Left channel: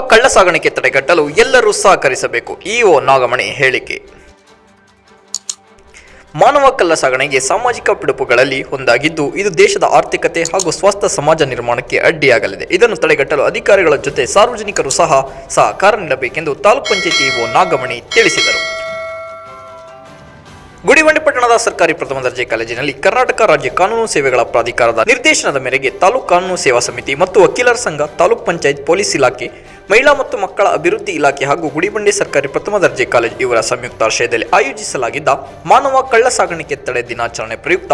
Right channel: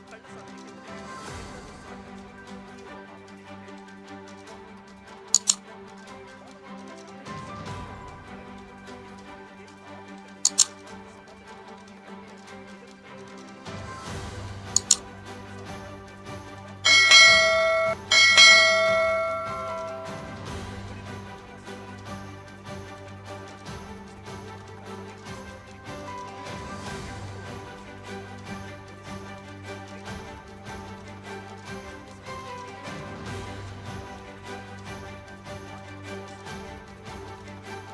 ಕಳ್ಳ ಸಾಗಾಣಿಕೆ ತಡೆಗಟ್ಟಲು ಎಲ್ಲರೂ ಸಹಕರಿಸಬೇಕು. ಇಒ ನಾಗಮಣಿ ಹೇಳಿಕೆ. ಮಾನವ ಕಳ್ಳ ಸಾಗಣೆಗೆ ಸಾಮಾಜಿಕ ಪಿಡುಪುಗಳಲ್ಲಿ ಒಂದಾಗಿದ್ದು, ಇದು ದೇಶದ ಆರ್ಥಿಕತೆ ಹಾಗೂ ಸ್ವಸ್ಥ ಸಮಾಜ ನಿರ್ಮಾಣಕ್ಕೆ ಅಡ್ಡಿಯಾಗಲಿದೆ. ಇದನ್ನು ತಡೆಗಟ್ಟಲು ಅಧಿಕಾರಿಗಳ ಜೊತೆ ಸಾರ್ವಜನಿಕರು ಸಹ ಸಹಕಾರ ನೀಡಬೇಕೆಂದು ತಾಲೂಕು ಪಂಚಾಯಿತಿ ಇಒ ನಾಗಮಣಿ ತಿಳಿಸಿದರು. ಗುಡಿಬಂಡೆ ಪಟ್ಟಣದ ಸರ್ಕಾರಿ ಪ್ರಥಮ ದರ್ಜೆ ಕಾಲೇಜಿನಲ್ಲಿ ಕರ್ನಾಟಕ ರಾಜ್ಯ ಕಾನೂನು ಸೇವೆಗಳ ಪ್ರಾಧಿಕಾರದ ನಿರ್ದೇಶನದ ಮೇರೆಗೆ ತಾಲೂಕು ಕಾನೂನು ಸೇವಾ ಸಮಿತಿ ಮತ್ತು ವಕೀಲರ ಸಂಘ, ತಾಲೂಕ್ ಪಂಚಾಯತ್, ಪೊಲೀಸ್ ಇಲಾಖೆ, ಮಹಿಳಾ ಮತ್ತು ಮಕ್ಕಳ ಅಭಿವೃದ್ಧಿ ಇಲಾಖೆ ಹಾಗೂ ಗುಡಿಬಂಡೆ ಸರ್ಕಾರಿ ಪ್ರಥಮ ದರ್ಜೆ ಕಾಲೇಜು ಇವರ ಸಂಯುಕ್ತ ಆಶ್ರಯದಲ್ಲಿ ಆಯೋಜಿಸಲಾಗಿದ್ದ ಮಾನವ ಕಳ್ಳ ಸಾಗಾಣಿಕೆ ತಡೆ ದಿನಾಚರಣೆ ಪ್ರಯುಕ್ತ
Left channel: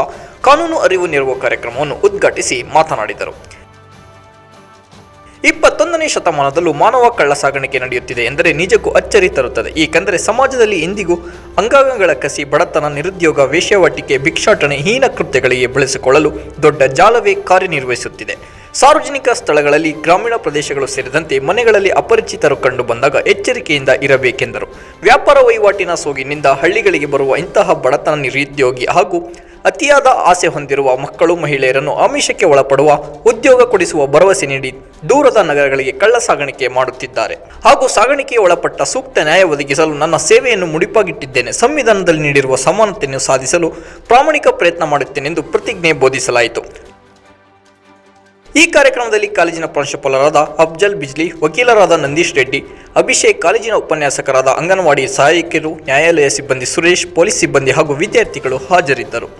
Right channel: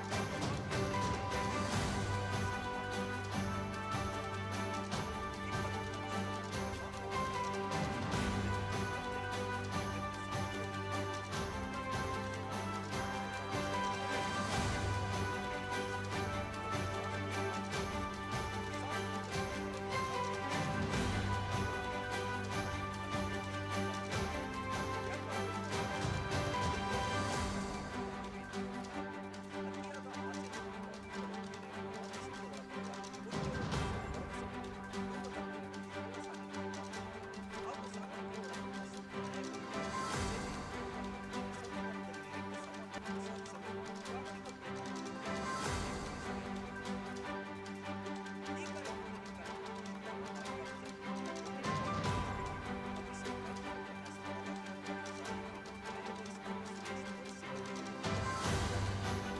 ಕಾನೂನು ಅರಿವು ನೆರವು ಕಾರ್ಯಕ್ರಮವನ್ನು ಉದ್ಘಾಟಿಸಿ ಮಾತನಾಡಿದರು. ಇಪ್ಪತ್ತೊಂದನೇ ಶತಮಾನದಲ್ಲೂ ಮಾನವ ಕಳ್ಳ ಸಾಗಾಣಿಕೆ ನಡೆಯುತ್ತಿದೆ ಎಂದರೆ ನಿಜಕ್ಕೂ ಅಚ್ಚರಿ ತರುತ್ತದೆ. ಏಕೆಂದರೆ ಸಮಾಜದಲ್ಲಿ ಇಂದಿಗೂ ಅಂಗಾಂಗಗಳ ಕಸಿ, ಬಡತನ, ನಿರುದ್ಯೋಗ, ವೇಶ್ಯಾವಾಟಿಕೆ, ಭಿಕ್ಷಾಟನೆ, ಹೀನ ಕೃತ್ಯಗಳಿಗೆ ಬಳಸಿಕೊಳ್ಳಲು ದೊಡ್ಡ ಜಾಲವೇ ಕಾರ್ಯನಿರ್ವಹಿಸುತ್ತಿದೆ. ಸಾರ್ವಜನಿಕ ಸ್ಥಳಗಳಲ್ಲಿ ಗ್ರಾಮೀಣ ಪ್ರದೇಶಗಳು ಸೇರಿದಂತೆ ಮನೆಗಳಲ್ಲಿ ಅಪರಿಚಿತರು ಕಂಡು ಬಂದಾಗ ಎಚ್ಚರಿಕೆಯಿಂದ ಇರಬೇಕೆಂದರು. ವ್ಯಾಪಾರ ವಹಿವಾಟಿನ ಸೋಗಿನಿಂದ ಹಳ್ಳಿಗಳಿಗೆ ಬರುವ ಇಂತಹ ಬಡತನ ನಿರುದ್ಯೋಗಿ ಹಾಗೂ ಅತಿಯಾದ ಆಸೆ ಹೊಂದಿರುವ ಮಕ್ಕಳು ಮಹಿಳೆಯರನ್ನು ಆಮಿಷಕ್ಕೆ ಒಳಪಡುವ, ಉದ್ಯೋಗ ಕೊಡಿಸುವ ಭರವಸೆ ನೀಡಿ ದೂರದ ನಗರಗಳಿಗೆ ಕಳ್ಳ ಸಾಗಾಣಿಕೆ ಮಾಡುತ್ತಿದ್ದಾರೆ. ಹಾಗೂ ಸಾಗಾಣಿಕೆಗೆ ಒಳಪಟ್ಟ ಸೂಕ್ತ ನ್ಯಾಯ ಒದಗಿಸಲು ನನ್ನ ಸೇವೆಯನ್ನು ಮುಡಿಪಾಗಿಟ್ಟಿದ್ದೇನೆ. ಸಂವಿಧಾನದಲ್ಲಿ ನೀಡಿರುವ ಸಮಾನತೆಯನ್ನು ಸಾಧಿಸಲು ಪ್ರಾಮಾಣಿಕ ಪ್ರಯತ್ನ ಮಾಡುತ್ತೇನೆಂದು ಪ್ರತಿಜ್ಞೆ ಬೋಧಿಸಲಾಯಿತು. ಈ ಕಾರ್ಯಕ್ರಮದಲ್ಲಿ ಕಾಲೇಜಿನ ಪ್ರಾಂಶುಪಾಲರಾದ ಅಫ್ಜಲ್ ಬಿಜ್ಲಿ, ವಕೀಲರಾದ ನಂದೀಶ್ ರೆಡ್ಡಿ, ಅಭಿಷೇಕ್ ಕಾಲೇಜಿನ ಉಪನ್ಯಾಸಕರಾದ ಅಂಗನವಾಡಿ ಸಹಾಯಕಿಯರು, ನ್ಯಾಯಾಲಯ ಸಿಬ್ಬಂದಿ ಸುರೇಶ್, ಪೊಲೀಸ್ ಸಿಬ್ಬಂದಿ ಹಾಗೂ ವಿದ್ಯಾರ್ಥಿಗಳು ಹಾಜರಿದ್ದರು.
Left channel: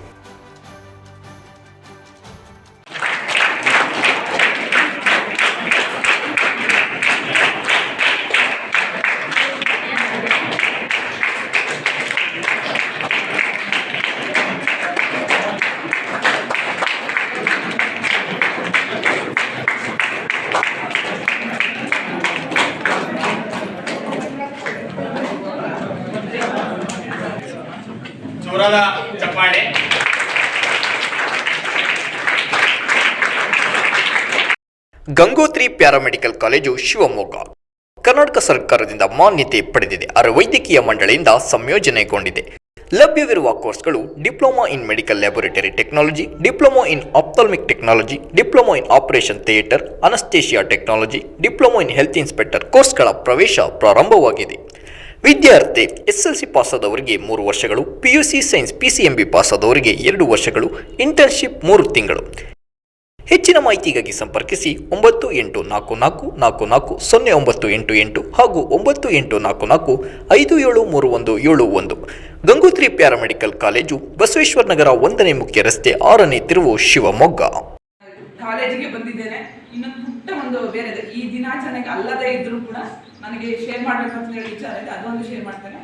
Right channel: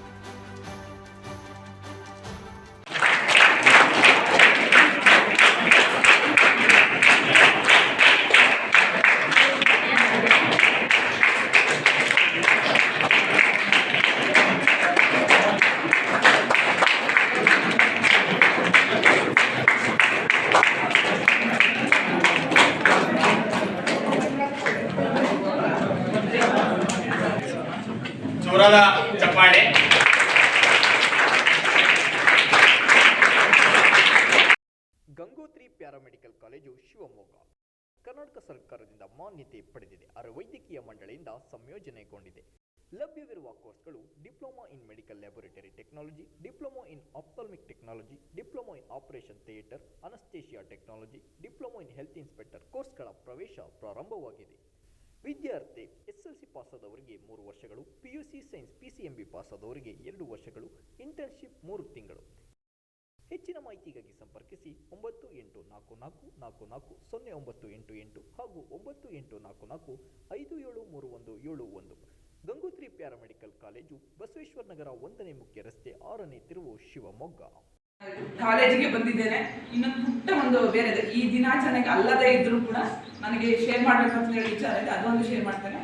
Gangotri paramedical college Shivamogga. Karnataka ಸರ್ಕಾರದಿಂದ ಮಾನ್ಯತೆ ಪಡೆದಿದೆ. ಅರ ವೈದ್ಯಕೀಯ ಮಂಡಳಿಯಿಂದ ಸಂಯೋಜನೆಗೊಂಡಿದೆ. ಲಭ್ಯವಿರುವ ಕೋರ್ಸ್ಗಳು diploma in medical laboratory technology, diploma in ophthalmic technology, diploma in operation theatre, anaesthesia technology, diploma in health inspector ಕೋರ್ಸ್ಗಳ ಪ್ರವೇಶ ಪ್ರಾರಂಭವಾಗಿದೆ. ವಿದ್ಯಾರ್ಥಿ ಎಸ್ಎಲ್ಸಿ ಪಾಸಾದವರಿಗೆ ಮೂರು ವರ್ಷಗಳು ಪಿಯುಸಿ ಸೈನ್ಸ್ ಪಿಸಿಎಂಬಿ ಪಾಸಾದವರಿಗೆ ಎರಡು ವರ್ಷಗಳು, ಇಂಟರ್ನ್ಶಿಪ್ ಮೂರು ತಿಂಗಳು. ಹೆಚ್ಚಿನ ಮಾಹಿತಿಗಾಗಿ ಸಂಪರ್ಕಿಸಿ ಒಂಬತ್ತು ಎಂಟು ನಾಲ್ಕು ನಾಲ್ಕು ನಾಲ್ಕು ನಾಲ್ಕು ಸೊನ್ನೆ ಒಂಬತ್ತು ಎಂಟು ಎಂಟು ಹಾಗೂ ಒಂಬತ್ತು ಎಂಟು ನಾಲ್ಕು ನಾಲ್ಕು ಐದು ಏಳು ಮೂರು ಒಂದು ಏಳು ಒಂದು. ಗಂಗೋತ್ರಿ ಪ್ಯಾರಾಮೆಡಿಕಲ್ ಕಾಲೇಜು ಬಸವೇಶ್ವರ ನಗರ ಒಂದನೇ ಮುಖ್ಯ ರಸ್ತೆ ಆರನೇ ತಿರುವು ಶಿವಮೊಗ್ಗ. ಕಾಲೇಜಿಗೆ ಬಂದಿದ್ದೇನೆ. ಇನ್ನೊಂದು ಪುಟ್ಟ ಒಂದು ಬೇರೆ. ಈ ದಿನಾಚರಣೆಗೆ ಅಲ್ಲದೇ ಇದ್ರೂ ಕೂಡ ನನಗೆ ಶೇರ್ ಮಾಡಬೇಕು ಅಂತ ಹೇಳಿ ವಿಚಾರ ಇದೆ. ಅದೊಂದು ಶೇರ್ ಮಾಡ್ತೇನೆ.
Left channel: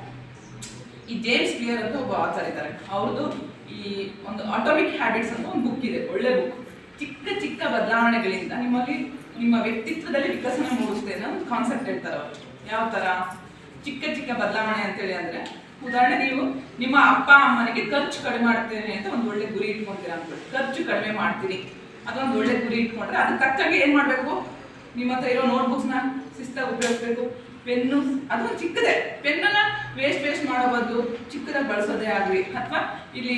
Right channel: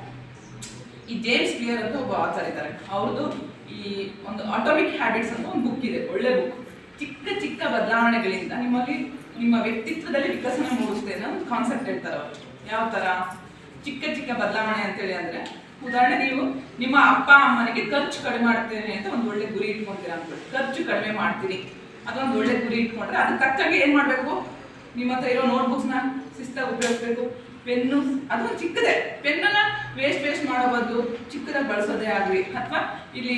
ಈ ಜೇಮ್ಸ್ ಕ್ಲಿಯರ್ ಅಂತ ಒಬ್ಬ ಆಚಾರ ಇದ್ದಾರೆ. ಅವ್ರದ್ದು ಈ ಒಂದು ಆಟೋಮಿಕ್ ಹ್ಯಾಬಿಟ್ಸ್ ಅಂತ ಒಂದು ಬುಕ್ ಇದೆ. ಒಳ್ಳೆ ಬುಕ್ ಚಿಕ್ಕ ಚಿಕ್ಕ ಬದಲಾವಣೆಗಳಿಂದ ನಿಮ್ಮಲ್ಲಿ ನಿಮ್ಮ ವ್ಯಕ್ತಿತ್ವದಲ್ಲಿ ವಿಕಸನ ಮೂಡಿಸುತ್ತೆ ಅನ್ನೋ ಒಂದು ಕಾನ್ಸೆಪ್ಟ್ ಹೇಳ್ತಾರೆ ಅವರು. ಯಾವ ತರ? ಚಿಕ್ಕ ಚಿಕ್ಕ ಬದಲಾವಣೆ ಅಂತೇಳಿ ಅಂದರೆ, ಉದಾಹರಣೆ ನೀವು ನಿಮ್ಮ ಅಪ್ಪ ಅಮ್ಮನಿಗೆ ಖರ್ಚು ಕಡಿಮೆ ಮಾಡ್ತೇನೆ ಅಂತ ಒಂದು ಒಳ್ಳೆ ಗುರಿ ಇಟ್ಕೊಂತೀರ ಅನ್ಕೊಳ್ಳಿ. ಖರ್ಚು ಕಡಿಮೆ ಮಾಡ್ತೀನಿ. ಅದೊಂದು ಒಳ್ಳೆ ಗುರಿ ಇಟ್ಕೊಂಡ್ರೆ ಅದಕ್ಕೆ ತಕ್ಕಂಗೆ ಏನ್ ಮಾಡ್ಬೇಕು? ನಿಮ್ಮ ಹತ್ರ ಇರೋ ನೋಟ್ಬುಕ್ಸ್ನ ಶಿಸ್ತಾಗಿ ಉಪಯೋಗಿಸ್ಬೇಕು. ಪೆನ್ನು ಅದೊಂದು ಚಿಕ್ಕದೇ. ಪೆನ್ನನ್ನ ವೇಸ್ಟ್ ವೇಸ್ಟ್ ಮಾಡೋ ಬದಲು ಚಿಕ್ಕದಾಗಿ ಬಳಸೋದೇ ಆಗಲಿ. ಅಥವಾ ಇಲ್ಲಿ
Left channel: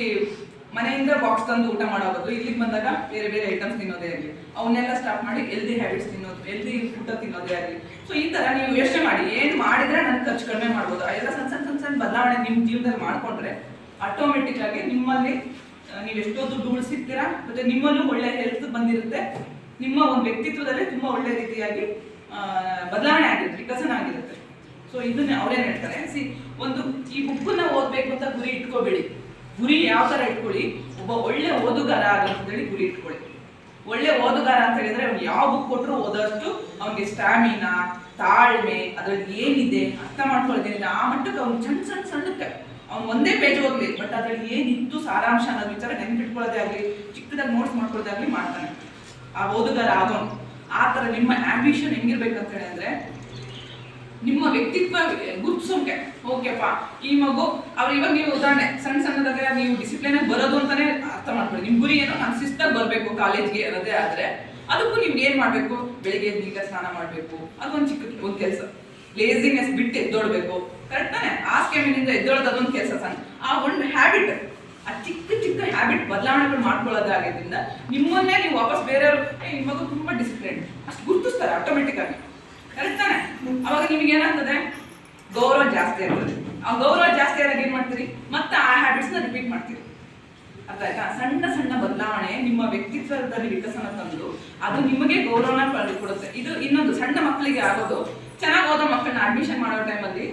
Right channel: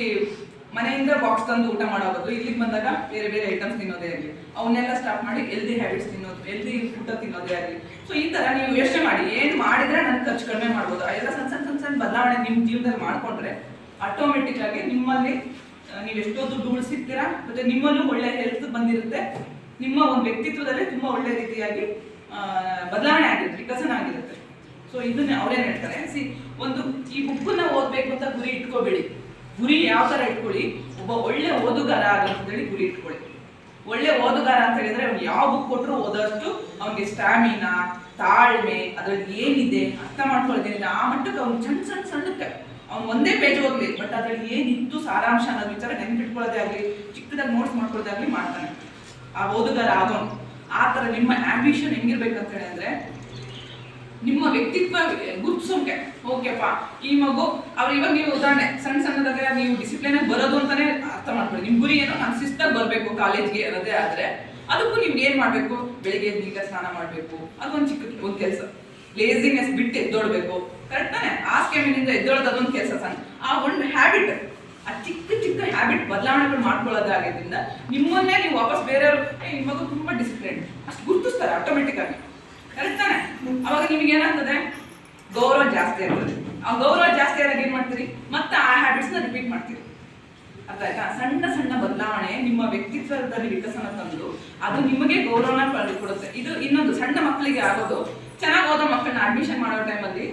ಮನೆಯಿಂದ ಬಾಕ್ಸ್ ತಂದು ಊಟ ಮಾಡೋ ಬದಲು ಇಲ್ಲಿಗೆ ಬಂದಾಗ ಬೇರೆ ಬೇರೆ ಐಟಮ್ಸ್ ತಿನ್ನೋದೇ ಆಗಲಿ. ಅವನ್ನೆಲ್ಲ ಸ್ಟಾಪ್ ಮಾಡಿ ಎಲ್ದಿ ಹ್ಯಾಬಿಟ್ಸ್ ತಿನ್ನೋದು ಎಲ್ದಿ ಊಟ ತಿನ್ನೋದೇ ಆಗಲಿ. ಸೊ ಈ ಥರ ನೀವು ಯೋಚನೆ ಮಾಡಿ, ಏನು ಮಾಡಿದ್ರೆ ನನ್ನ ಖರ್ಚು ಕಡಿಮೆ ಮಾಡ್ಬೋದು? ಎಲ್ಲ ಸಣ್ಣ ಸಣ್ಣ ಸಣ್ಣ ಸಣ್ಣ ಬದಲಾವಣೆ ನಿಮ್ಮ ಜೀವನದಲ್ಲಿ ಮಾಡ್ಕೊಂಡ್ರೆ ಆಟೋಮೆಟಿಕ್ ಆಗಿ ನಿಮ್ಮಲ್ಲಿ ನೀವು ಎಷ್ಟೋ ದುಡ್ಡು ಉಳಿಸಿರ್ತೀರಾ, ಮತ್ತೆ ನಿಮ್ಮಲ್ಲೂ ಒಳ್ಳೆ ಹೆಲ್ತ್ ಬಂದಿರುತ್ತೆ. ನಿಮ್ಮ ಒಂದು ವ್ಯಕ್ತಿತ್ವದಲ್ಲೇ ತುಂಬಾ ಒಳ್ಳೆ ರೀತಿಯಾಗಿ ಬದಲಾವಣೆ ಆಗಿರುತ್ತೆ, ವಿಕಸನ ಆಗಿರುತ್ತೆ. ಸೊ ಇದನ್ನ ಅವ್ರೇನ್ ಹೇಳ್ತಾರೆ? ಸಿ ಒಂದು ಈ ಬುಕ್ಕನ್ನ ಓದ್ಬೇಕು ಅಂತ ಗುರಿ ಇಟ್ಕೋಬೇಡಿ. ಗುರಿ ಯಾವ ತರ ಇಟ್ಕೊಳ್ಳಿ? ಒಬ್ಬ ಒಳ್ಳೆ ಓದುಗಾರ ಆಗಂತೇಳಿ ಗುರಿ ಇಟ್ಕೊಳ್ಳಿ. ಒಳ್ಳೆ ಓದುಗಾರ ಅಂತ ಹೇಳಿದ್ರೆ ಅವ್ನು ಯಾವ ಬುಕ್ ಕೊಟ್ಟರು ಓದೋಷ್ಟು ಅವನಿಗೆ ಸ್ಟ್ಯಾಮಿನಾ ತಾಳ್ಮೆ, ಅದ್ರಲ್ಲಿ ಏನಿದೆ ಅರ್ಥ ಮಾಡ್ಕೊಳ್ಳೋದೇನಿದೆ ಆ ಮಟ್ಟಕ್ಕೆ ಅವ್ನು ಸಣ್ಣ ಸಣ್ಣ ಸಣ್ಣಕ್ಕೆ. ಅವ್ನು ಒಂದೇ ಪೇಜ್ ಓದ್ಲಿ ಬಟ್ ಅದ್ರಲ್ಲಿ ಏನಿತ್ತು ಸಾರಾಂಶ ಅನ್ನೋ ವಿಚಾರ ನೆನ್ಪಿಟ್ಕೊಳ್ಳೋದೇ ಆಗಲಿ, ಚಿಕ್ಕದಾಗಿ ನೋಟ್ಸ್ ಮಾಡ್ಕೊಳ್ಳೋದಾಗ್ಲಿ ಮಾಡ್ತಾನೆ. ಆ ಓದುಗಾರ ಆಗೋನು ಆ ಥರ ನಿಮ್ಮ ಆಂಬಿಷನ್ ಹೆಂಗಿರ್ಬೇಕಂತ ಹೇಳಿದ್ರೆ ನಿಮ್ಮ ವ್ಯಕ್ತಿತ್ವ ಗುರುತಿಸೋಕೆ. ಓಕೆಪ್ಪ. ಈ ಮಗು, ಅವ್ರು ಇವಾಗ ನೀವು ಉದಾಹರಣೆ ಸಣ್ಣ ಸಣ್ಣದಾಗ ನೀವು ಡಿಸಿಪ್ಲಿನ್ ಬರೋದು ಅಂತಾನೆ ಅರ್ಥ ಮಾಡ್ಕೊಳ್ಳಿ. ನಿಮ್ ಗುರಿ ಏನೋ ನಾನು ಶಿಸ್ತಾಗಿ ಬರಬೇಕು ಕಾಲೇಜ್ಗೆ ಅನ್ನೋದೇ ಆದ್ರೆ, ಅದಕ್ಕೂ ನೀವು ಏನ್ ಮಾಡ್ಬೇಕು? ಬೆಳಿಗ್ಗೆ ಈಗ ಸ್ನಾನ ಮಾಡ್ಬೇಕು. ಅದೊಂದು ಚಿಕ್ಕ, ಒಂದು ಕೆಲಸ. ಲೇಸಿನೆಸ್ ಬಿಟ್ಟು ಎದ್ದೋಡ್ಬೇಕು ಕರೆಕ್ಟ್ ತಾನೆ? ಆಸ್ಕೆಮಿನಿಂದ ಎದ್ದೋಳೋದು ಅದೊಂದು ಕೆಲಸ ಸಣ್ಣ ಆ ಒಂದು ಹ್ಯಾಬಿಟ್ ಆ ಚಿಕ್ಕ ಚಿಕ್ಕ ಹ್ಯಾಬಿಟ್ ಬದಲಾವಣೆಗಳು ಮಾಡ್ಕೊಳ್ಳೋದಾಗಿದ್ದರಿಂದ ನಿಮ್ಮನ್ನೇ ನೀವು ವಾಪಸ್ ಬೇರೆಯವರು ಈ ಮಗು ತುಂಬಾ ಡಿಸಿಪ್ಲಿನ್ ಅಷ್ಟು ಗುರುತಿಸ್ತಾರೆ ಆಟೋಮೆಟಿಕ್ ಆಗಿ. ಕರೆಕ್ಟ್ ಅವಾಗ ನಿಮಗೆ ಏನಾಗ್ತದೆ? ಗೌರವ ಜಾಸ್ತಿ ಆಗ್ತದೆ. ಆ ಗೌರವ ಜಾಸ್ತಿ ಆದಾಗ ಏನ್ ಮಾಡ್ತೀರಿ? ಮತ್ತೆ ಆ ಹ್ಯಾಬಿಟ್ಸ್ನ ರಿಪೀಟ್ ಮಾಡ್ತೀರಿ. ಅರ್ಥ ಆಯ್ತಾ? ಸಣ್ಣ ಸಣ್ಣ ಬದಲಾವಣೆ ನಿಮ್ಮ ವ್ಯಕ್ತಿತ್ವದಲ್ಲಿ ವಿಕಸನ ತಂದು ಅದು ನಿಮಗೆ ಗೌರವನ ಕೊಡುತ್ತೆ. ಇದು ಇನ್ನೊಂದು ಸಣ್ಣ ಮಕ್ಕಳಿಗೆ ಆಗೋದು. ಚೆನ್ನಾಗಿ ಓದೋ ಮಕ್ಕಳನ್ನ ಅಡ್ಮಿಷನ್ ಮಾಡೋ ಟೈಮಲ್ಲಿ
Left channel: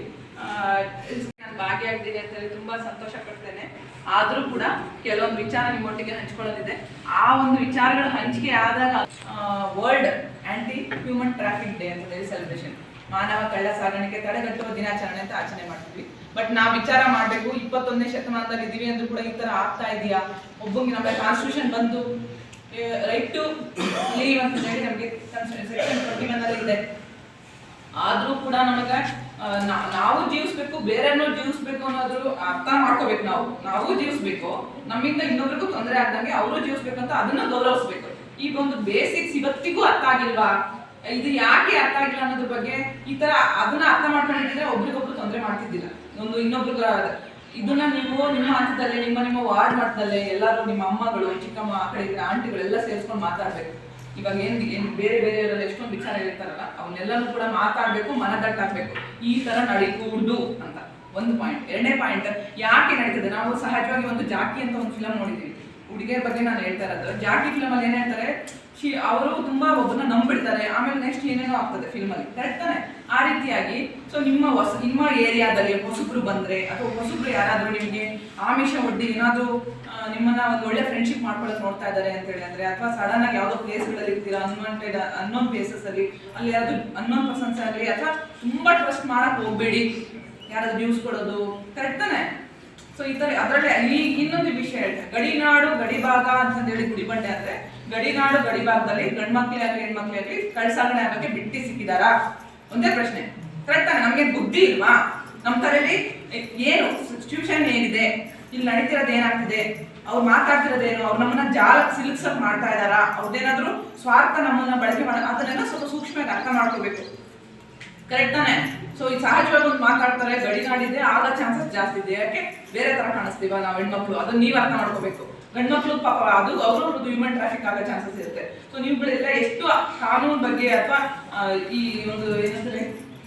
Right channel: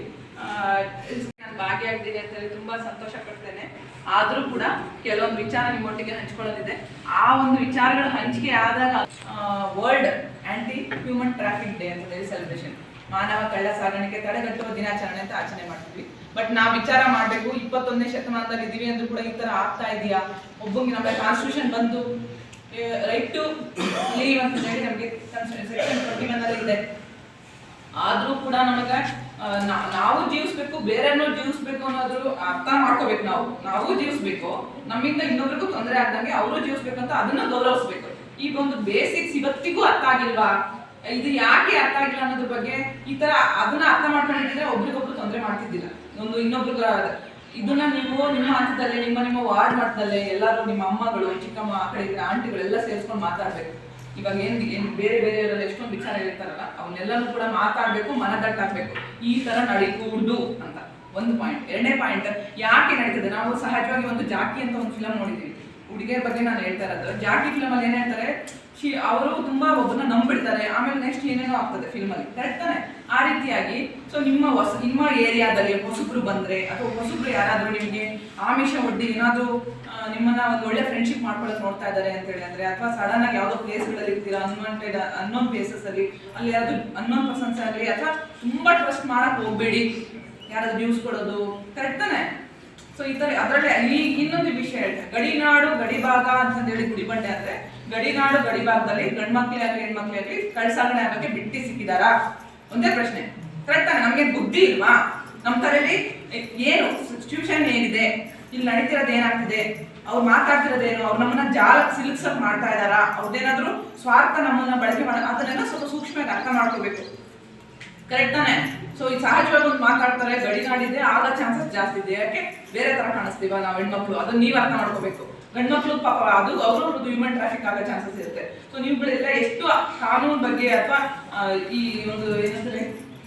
ನಾನು ಭಾಗಿಯಾಗಿದ್ದೀನಿ ಅಂತ ಹೇಳಿ ತುಂಬಾ ಸಂತೋಷ ಪಡ್ತೇನೆ. ಆದ್ರೂ ಕೂಡ ಕೆಲವೊಂದು ವಿಚಾರ ನಿಮ್ಮೊಟ್ಟಿಗೆ ಹಂಚ್ಕೊಳ್ಳೋದಿದೆ. ಆ ಒಂದು ವಿಚಾರಗಳು ಹಂಚಿಕೆ ಆದಾಗ world anti human traffic day ಅಂತ ಹೇಳಿ ಸೆಲೆಬ್ರೇಷನ್ ಮಾನವ ಕಳ್ಳ ಸಾಗಾಣಿಕೆ ತಡೆಗಟ್ಟುವ ದಿನಾಚರಣೆ ಅಂತ ಆಚರಣೆ ಮಾಡ್ತೀವಿ ಬಟ್ ನಾವು ವಿಚಾರ ಮಾಡಬೇಕು, ಇಪ್ಪತ್ತೊಂದನೇ ಶತಮಾನದಲ್ಲಿ ಇದೀವಿ ಅಂದ್ರೂ ಕೂಡ ಈ ತರ ಆಗ್ತಾ ಇದೆಯಾ? ಒಬ್ಬಂಗೆ ನಮ್ಮ ಕಾನ್ಸ್ಟಿಟ್ಯೂಷನ್ ಬಂದು ರೈಟ್ ಟು ಲೀವ್ ಅಂತ ಹೇಳಿ ನಮಗೆ ಸೆಕ್ಷನ್ ಇದೆ. ಆದ್ರೂ ಕೂಡ ನಮಗೆ ನಾವು ಜೀವಿಸ್ಬೇಕು ಬೇರೆನೂ ಜೀವಿಸ್ಬೇಕು ಅನ್ನೋದ್ರ ಅರ್ಥ ಮಾಡ್ಕೋಬೇಕು ನಾವು. ನಾವು ಜೀವಿಸ್ಬೇಕು, ನಮ್ಮಿಂದ ಇನ್ನೊಬ್ರಿಗೂ ತೊಂದರೆ ಆಗ್ದಂಗೆ ಅವರು ಜೀವಿಸ್ಬೇಕು ಅಂತ ಅದನ್ನ ಗೌರವಿಸ್ಬೇಕು. ಈಗ ಒಂದು ಬೇಸಿಕ್ಸ್ ಇವತ್ತಿಗೂ ಅರ್ಥ ಆಗಿಲ್ವಾ? ಇದು ಯಾಕೆ ಅರ್ಥ ಆಗಿಲ್ಲ ಅನ್ನೋದ್ರ ಬಗ್ಗೆ ಈ ತರ ಅದನ್ನ ಅರ್ಥ ಮಾಡ್ಕೊಂಡಿದ್ರೆ ಒಬ್ರಿಗೊಬ್ರು ತೊಂದರೆ ಮಾಡ್ತಿದ್ದಿಲ್ಲ. ಒಂದು ಇನ್ನೊಬ್ರಿಗೆ ಇದನ್ನ ನೀವು ನಿಮ್ಮ ಹಂತದಲ್ಲೇ, ನಿಮ್ಮ ನಿಮ್ಮ ವಾರ್ಡ್ ಮಟ್ಟದಲ್ಲೇ ಎಲ್ಲರೂ ನಿಮ್ಮ ಅಮ್ಮಗಳು, ಚಿಕ್ಕಮ್ಮ, ಆ ಕಡೆ ಇದ್ರೆ ಆಂಟಿಗಳೆಲ್ಲ ಸೇರಿಸ್ಕೊಂಡು ಮಾತಾಡ್ಬೇಕು. ಇವಾಗ ಏನ್ ಏನ್ ಬೇರೆ ಬೇರೆಯವರೆಲ್ಲ ಎಷ್ಟೊಂದು ವಿಚಾರ ಹೇಳ್ತಾರಲ್ಲ, ಅವನ್ನೆಲ್ಲನೂ ಕೂಡ ಮಾತಾಡ್ಬೇಕು ಮನದಟ್ಟಾಗ್ಬೇಕು ಈ ತರ ನಡೀಕೂಡ್ದು ಅಂತ. ಒಂದು ಪಾಯಿಂಟ್ ಎರಡನೇ ಪಾಯಿಂಟ್ ಯಾಕೆ ನಡೀತದೆ? ನಾವು ಸಹಜವಾಗಿ ಒಂದು ಜಾಕಿ ಅಂತ ಒಂದು ಫಿಲಂ ನೋಡಿದೀವಿ ಹುಡುಗಿಯರ ಬಗ್ಗೆ ನಾನು ಹೇಳ್ತಾ ಇರೋದು. ಜಾಕಿ ಫಿಲಮ್ ಅಲ್ಲಿ ಏನ್ ಹೇಳ್ತಾರೆ, ಶಿ, ಅವರು ತುಂಬಾ ಒಬ್ಬನ ನಂಬಿಡ್ತಾರೆ. ಆಮೇಲೆ ನೆಕ್ಸ್ಟ್ ಏನೇನೋ ಆಗ್ತದೆ ಫಿಲ್ಮ್ ಅಲ್ಲಿ. ಕರೆಕ್ಟ್ ತಾನೆ? ಆ ರೀತಿಯಾಗಿ ಸೊ ನಿಮ್ಮ ಹೊಸ, ನಿಮ್ಮ ಏರಿಯಾದಲ್ಲಿ ಹೊಸಬ್ರು ಬಂದ್ರೆ, ಅಥವಾ ಹೊಸಬ್ರು ಯಾರಾದ್ರೂ ನಿಮಗೆ ಆಮಿಷ ಒಡ್ಡಿ ಏನಾದ್ರೂ ನಿಮ್ಮನ್ನ ಒಂದು ಒಳ್ಳೆ ಫ್ರೆಂಡ್ಶಿಪ್ ಮಾಡ್ಕೊಳ್ಳೋದು ನೋಡ್ತಾ ಇದ್ದಾರೆ ಅಂತ ಹೇಳಿ ಅಂದ್ರೆ, ಅಥವಾ ಸಡನ್ ಆಗಿ ಯಾವ್ದೋ ಪ್ಲೇಸ್ಗಳಲ್ಲಿ ಇರ್ತೀರಾ ಅನ್ವಾಂಟೆಡ್ ಅನ್ನೋನ್ ಪ್ಲೇಸಸ್ ಅಲ್ಲಿ ಅಲ್ಲಿ ಯಾರು ಅನ್ನೋನ್ ಪರ್ಸನ್ಸ್ ಆಗಲಿ, ಅಥವಾ ತುಂಬಾ ಟ್ರಸ್ಟ್ ಮಾಡಕ್ ಹೋಗ್ಬೇಡಿ. ಯಾರಾದ್ರೂ ನ್ಯೂಸ್ ಕೊಡೋದು. ಕರೆಕ್ಟ್ ತಾನೆ? ಸೊ ಈ ತರ ಅದರಲ್ಲಿ ಈ ಇನ್ನೊಂದು ವಿಷಯ ಹೇಳ್ತಾರೆ ಗಡಿನಾಡು ಗಡಿಭಾಗ ಅಂತ ಹೇಳಿ ಗುಡಿಬಂಡೆ ಅಂದ್ರೆ ಗಡಿನಾಡು ಗಡಿಭಾಗದಲ್ಲಿ ಗಂಡ್ಮಕ್ಳೇ ಆಗಲಿ ಹೆಣ್ಮಕ್ಳೇ ಆಗಲಿ ಕಳ್ಸಾಗಣೆ ಆಗಕ್ಕೆ ಬಿಟ್ಟಿ ಸಿಕ್ಕಿದಾರಾ? ಒಂದೇ ಪ್ರಶ್ನೆ. ಕರೆಕ್ಟ್ ನಮ್ಗೆ ಬುದ್ಧಿ ಇಲ್ವಾ? ನಮ್ಮ ತಲೆಯಲ್ಲಿ ಏನು? ಸಿಚುವೇಶನ್ ಏನಿದೆ? ಇಲ್ಲಿ ನಡೀತಿರೋದು ಏನಾಗ್ತಿದೆ? ಅವ್ರು ಮಾತಾಡ್ತಿರೋದೇನು? ಅವ್ರು ನಮ್ಮನ್ನ ಜಾಲಕ್ಕೆ ಸಿಲುಕ್ಸಕ್ ಮಾಡ್ತಾ ಇದಾರಾ ಅವ್ರದ್ದೇನಾದ್ರೂ ಸ್ವಾರ್ಥ ನಮ್ಮನ್ನ ಬಳಕೆ ಮಾಡ ಅದನ್ನೆಲ್ಲ ಸ್ವಲ್ಪ ಸೂಕ್ಷ್ಮವಾಗಿ ಅರ್ಥ ಮಾಡ್ಕೋಬೇಕು. ಕರೆಕ್ಟ್ ತಾನೆ? ಸೊ ಈ ಸಹಜವಾಗಿ ಒಂದು ಮಾತಾಡ್ತಾರೆ ಗಡಿನಾಡಿದೆ ಆಗ ಚಾನ್ಸಸ್ ಜಾಸ್ತಿ ಇದೆ. ಯಾಕೆ? ಬೇರೆ ತರ ಕಾಣಿಸ್ತೀವ ನಾವು ಹೆಣ್ಮಕ್ಳು? ಅದನ್ನ ನೀವು ಅರ್ಥ ಮಾಡ್ಕೋಬೇಕು. ಗಂಡ್ಮಕ್ಳು ಪಾಪ, ಅದು ಅವರು ಹ್ಯೂಮನ್ ಟ್ರಾಫಿಕ್ ಆಗೋ ಚಾನ್ಸಸ್ ಇರುತ್ತೆ. ಸೊ ನೀವುಗಳೆಲ್ಲ ಎಷ್ಟು ಕಾನೂನು ಬಗ್ಗೆ ಅಥವಾ ಈ ಒಂದು ಏನಂದ್ರೆ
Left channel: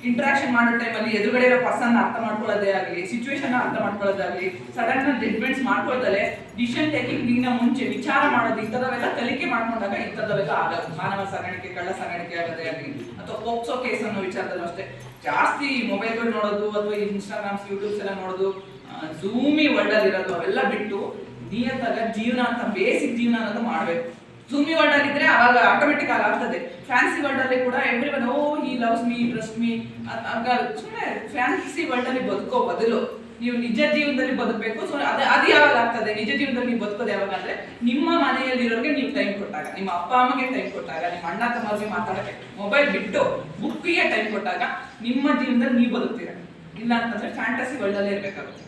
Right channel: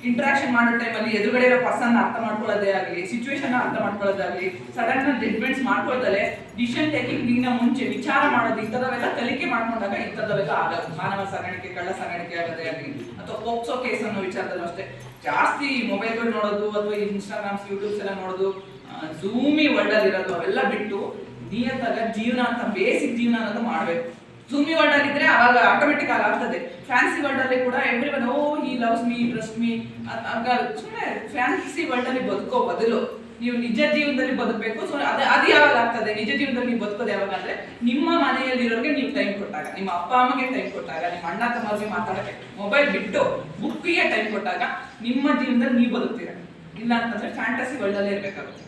ಇಂಟ್ರಾಕ್ಷನ್ ಮಾಡೋ ಟೈಮಲ್ಲಿ ಎದುರುಗಡೆ ಇರೋ ಪರ್ಸನ್ ಅರ್ಥ ಮಾಡ್ಕೊಳ್ಳೋದೇ ಆಗಲಿ ಸಿಚುವೇಶನ್ ಅರ್ಥ ಮಾಡ್ಕೊಳ್ಳೋದಾಗ್ಲಿ ಸಡನ್ ಜಡ್ಮೆಂಟ್ಸ್ ಮಾಡ್ಕೊಳ್ದಲೆ ಡಿಸಿಷನ್ ಟೇಕಿಂಗ್ ಮುಂಚೆ ವಿಚಾರ ಮಾಡೋದು ಇಂಥದವೆಲ್ಲ ಕಲಿಕೆ ಮಾಡ್ಕೊಂಡಾಗ ಇಂಥದವೆಲ್ಲ ಆಗಲ್ಲ. ಮಾನವ ಸಾಗಾಣಿಕೆ ಕಳ್ಳ ಸಾಗಾಣಿಕೆ ಆಗೋದೇ ಆಗಲಿ, ಅಥವಾ ಪೋಕ್ಸೋ ಕೇಸ್ ಅನ್ನೋ ವಿಚಾರದಲ್ಲೂ ಅಷ್ಟೇ. ಜಾಸ್ತಿ ಮೊಬೈಲ್ಗಳು ನೋಡೋದು ಅಥವಾ ಇನ್ಸ್ಟಾಗ್ರಾಮ್ಸ್ ಯೂಟ್ಯೂಬ್ಸ್ ಎಲ್ಲ ನೋಡೋದು ಝೂಮಿ ವರ್ಲ್ಡ್ ಅಲ್ಲಿ ಇರೋದು ಅವೆಲ್ಲ ಬಿಟ್ಟು ನಿಯತ್ತಾಗ ಜೀವನ ಅಂತ ಬೇಸಿಕ್ ಜೀವನ ಅನ್ನೋದು ಮಾಡ್ಬೇಕು. ಝೂಮಿ ವರ್ಲ್ಡ್ ಅಲ್ಲಿ ಇದ್ರೆ ಅವಾಗ ಆಟೋಮೆಟಿಕ್ ಆಗಿ ಆಗ್ತದೆ. ಫ್ಯಾನ್ಸಿ ವರ್ಲ್ಡ್ ಅಲ್ಲಿ ಕೂಡ everyone oh he loves me trust me ಸುಮ್ಮನೆ ಫ್ಯಾನ್ಸಿ ವರ್ಲ್ಡ್ ಅಲ್ಲಿ ಬದುಕೋ ಬದಲು ನೀವು ನಿಜ ಜೀವನದಲ್ಲಿ ಬದುಕಬೇಕು. ಸೊ ಅದು ಅದು ಯಾವಾಗ ಆಗ್ತದೆ? ನಿಜ ಜೀವನದಲ್ಲಿ ನೀವು ಬದುಕೋದು ಯಾವಾಗ ಅಂದ್ರೆ ನಿಮ್ಮ ಮನೆಯಲ್ಲಿರೋರಿಗೆ ನೀವು ಟೈಮ್ ಕೊಟ್ಟಾಗ, ನಿಮ್ಮ ಅಪ್ಪ ಅಮ್ಮಗೆ ಟೈಮ್ ಕೊಟ್ಟಾಗ, ನಿಮ್ಮ ಅಣ್ಣ ತಮ್ಮರಿಗೆ ಮಾತಾಡಕ್ಕೆ ಮೊಬೈಲ್ ಬಿಟ್ಟು ಬುಕ್ಕಿಗೆ ಟೈಮ್ ಕೊಟ್ಟಾಗ ನಿಮ್ಮ ಜೀವನದಲ್ಲಿ ನೀವು ಬದುಕ್ತೀರ. ಇಲ್ಲ ಅಂತಂದ್ರೆ ಫ್ಯಾಂಟಸಿ ವರ್ಲ್ಡ್ ಅಲ್ಲೇ ಇರ್ಬೇಕಾಗುತ್ತೆ.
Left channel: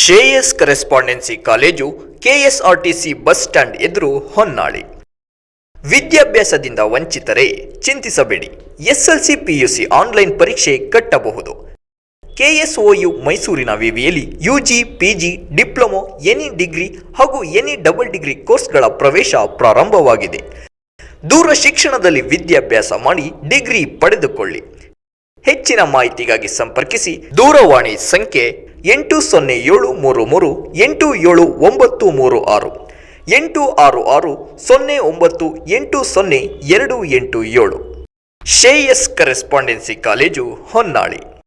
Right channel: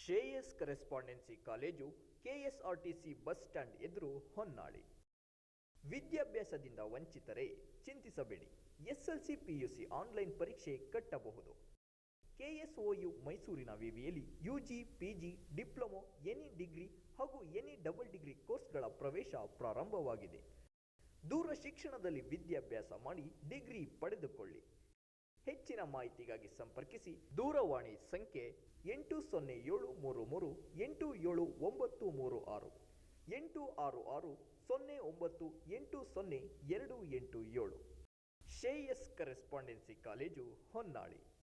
Shreyas correspondence college KSRTC bus stand ಎದುರು ಹೊನ್ನಾಳಿ. ವಿದ್ಯಾಭ್ಯಾಸದಿಂದ ವಂಚಿತರೆ ಚಿಂತಿಸಬೇಡಿ. ಎಸ್ಎಲ್ಸಿ, ಪಿಯುಸಿ ಆನ್ಲೈನ್ ಪರೀಕ್ಷೆ ಕಟ್ಟಬಹುದು. ಕೆಎಸ್ಒಯು ಮೈಸೂರಿನ ವಿವಿಯಲ್ಲಿ UG, PG, diploma any degree ಹಾಗೂ ಎನಿ ಡಬಲ್ ಡಿಗ್ರಿ ಕೋರ್ಸ್ಗಳ ಪ್ರವೇಶ ಪ್ರಾರಂಭವಾಗಿದೆ. ದೂರ ಶಿಕ್ಷಣದಲ್ಲಿ ವಿದ್ಯಾಭ್ಯಾಸ ಮಾಡಿ ಡಿಗ್ರಿ ಪಡೆದುಕೊಳ್ಳಿ. ಹೆಚ್ಚಿನ ಮಾಹಿತಿಗಾಗಿ ಸಂಪರ್ಕಿಸಿ ದೂರವಾಣಿ ಸಂಖ್ಯೆ ಎಂಟು ಸೊನ್ನೆ ಏಳು ಮೂರು ಮೂರು, ಎಂಟು ಏಳು ಒಂಬತ್ತು ಮೂರು ಆರು, ಎಂಟು ಆರು ಆರು ಸೊನ್ನೆ ಒಂಬತ್ತು ಎಂಟು ಸೊನ್ನೆ ಎರಡು ಎಂಟು ಏಳು. Shreyas correspondence college Honnali.